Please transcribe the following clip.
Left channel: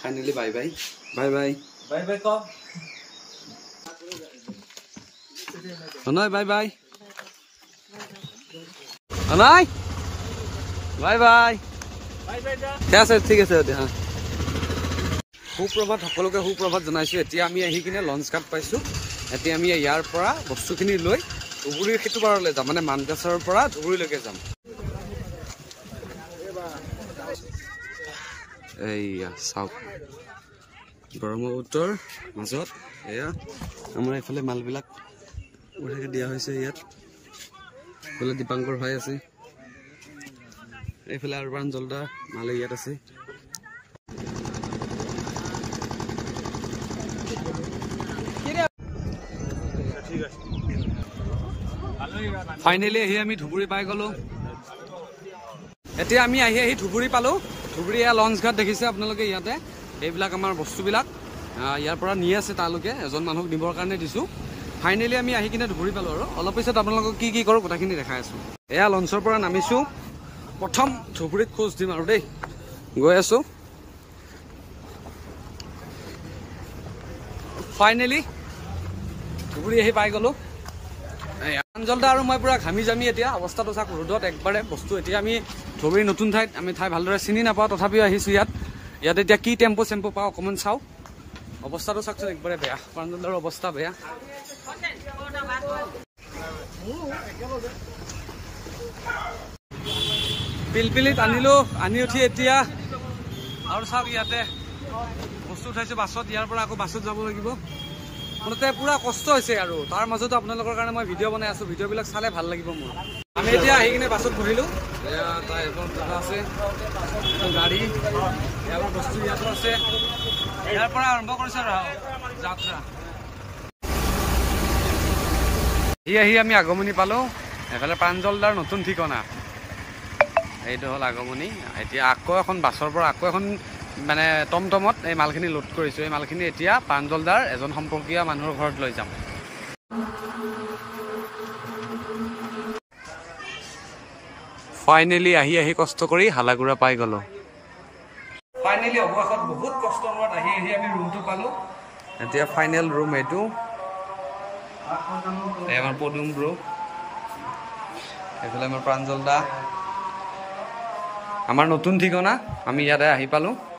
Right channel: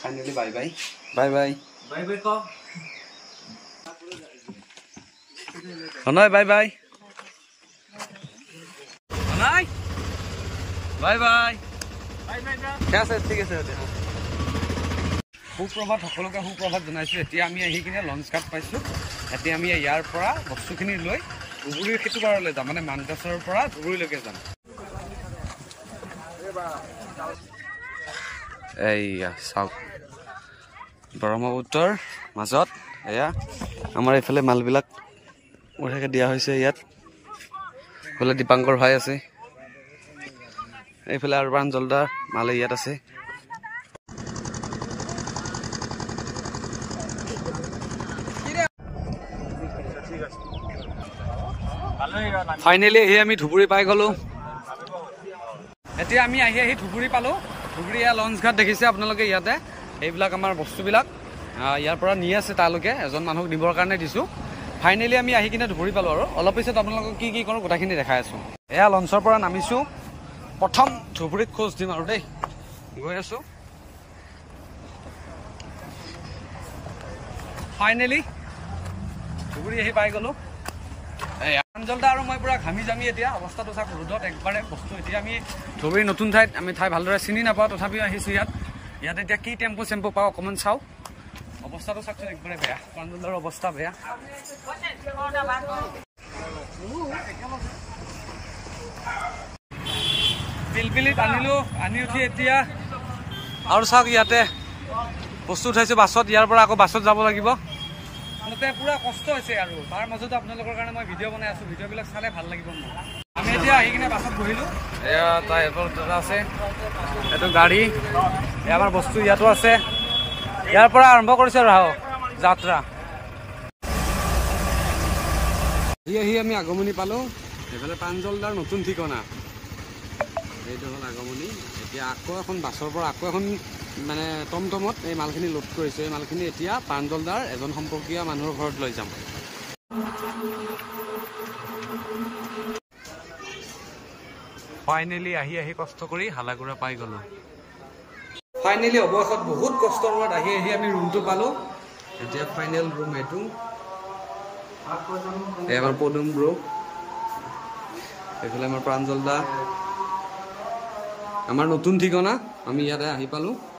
finally bye bye bye bye bye bye কও অনয় bye bye অনয় বাই বাই ঠিক আছে ঠিক আছে হ্যাঁ সুপ্ৰভাত সকলোকে সুপ্ৰভাত জনাইছোঁ এতিয়া আমি আহি কিনে লঞ্চ ঘাট পাইছোঁ এতিয়া আমি ইয়াৰ পৰা বস্তুখিনি লৈ ধুবুৰীৰ সেইটো পাৰলৈ যাম মানে মানকাছাৰৰ পৰা ধুবুৰীলৈকে যাম এইয়া চাওক ব্ৰহ্মপুত্ৰৰ মাজত এয়া আমাৰ এইফালে মালবিলাক বঢ়িয়াকৈ দিয়া হৈছে ইয়াত এইফালে দীপাংকৰ ভাই আছে এইফালে আৰু প্ৰাঞ্জলদাৰ মালে ইয়াত আছে ফাইনেলি আহি আমি ধুবুৰী পাই গ'লো এতিয়া আমি আহি ধুবুৰী পালোঁ ধুবুৰী এয়া লঞ্চ ঘাট দেখিছে আপোনালোকে ইয়াতে এইবিলাক আমাৰ বস্তুবিলাক ইয়াৰ পৰা নি আছে তালৈকে এজন মানুহক নিবৰ কাৰণে দিছোঁ ফাইনেলি আমি আহি কিনে ধুবুৰী পালোঁ আৰু অলপ পিছত আপোনালোকক কি কি কৰোঁ গোটেইখিনি দেখাই আছোঁ এয়া লঞ্চৰ পৰা নামিছোঁ প্ৰথম ধুবুৰীত খোজ দিম আৰু দেই গৈ আছোঁ ফাইনেলি ধুবুৰী আহি পাই গ'লোঁ প্ৰাঞ্জলদা আৰু মই পুৰা ঘামি জামি এতিয়া অৱস্থাটো চাওক ৰ'দত একবাৰে বস্তু এতিয়া আমি ধুবুৰী নতুন ঠাইত আমি ঠাই ভালদৰে চিনি নাপাওঁ তথাপিও আহিছোঁ ইয়াত এতিয়া কি টেম্পু চেম্পু পাওঁ অকণমান চাওঁ অৱস্থাটো চাওকচোন একবাৰে বেয়া প্ৰাঞ্জলদাৰ অৱস্থা বেয়া পিলপিলিত আনিলোঁ আনি উঠি এতিয়া আৰু চাওক ইয়াতে বস্তু উঠাইছোঁ বাছত ইয়াৰ পৰা আকৌ বাছত যাব লাগিব মুঠতে পুৰা কষ্ট হৈছে আৰু তাৰ মাজতো আপোনালোকৰ কাৰণে মই ভিডিঅ' বনাই আছোঁ ভিডিঅ'বিলাক চালে ভাল লাগিব মোৰ আমি এতিয়া আহি কিনে বাছত বহিলোঁ এয়া তাৰ এটা আছে এইটো গাড়ী এয়া আমাৰ বস্তু ইয়াতো আছে ইয়াৰ পৰা আৰম্ভ কৰিছে আৰু যাত্ৰা আহি আমি আগমনি পালোঁ এইফালে প্ৰাঞ্জলদাৰ নতুন ঠিকনা এইটো হ'ল আগমনি এতিয়া আকৌ এখন বাছৰ পৰা আকৌ এখন মানে টমটমত এই মালখিনি লোড কৰিছোঁ এই মালখিনি এতিয়া প্ৰাঞ্জলদাৰ এজন সম্পৰ্কীয় মানুহৰ ঘৰত লৈ যাম ফাইনেলি আহি কষ্ট কৰি হালাগুৰা পাই গ'লোঁ ফাইনেলি অৱশেষত বহুত কষ্টৰ মূৰত আহি আমি ৰুমটো পালোঁ এতিয়া ফাইনেল ৰুম এইটো এই আমাৰ পদুম ব্ৰ এইফালে আমাৰ প্ৰাঞ্জলদা আমাৰ নতুন ঠিকনা আমি ইয়াতে আহি পালোঁ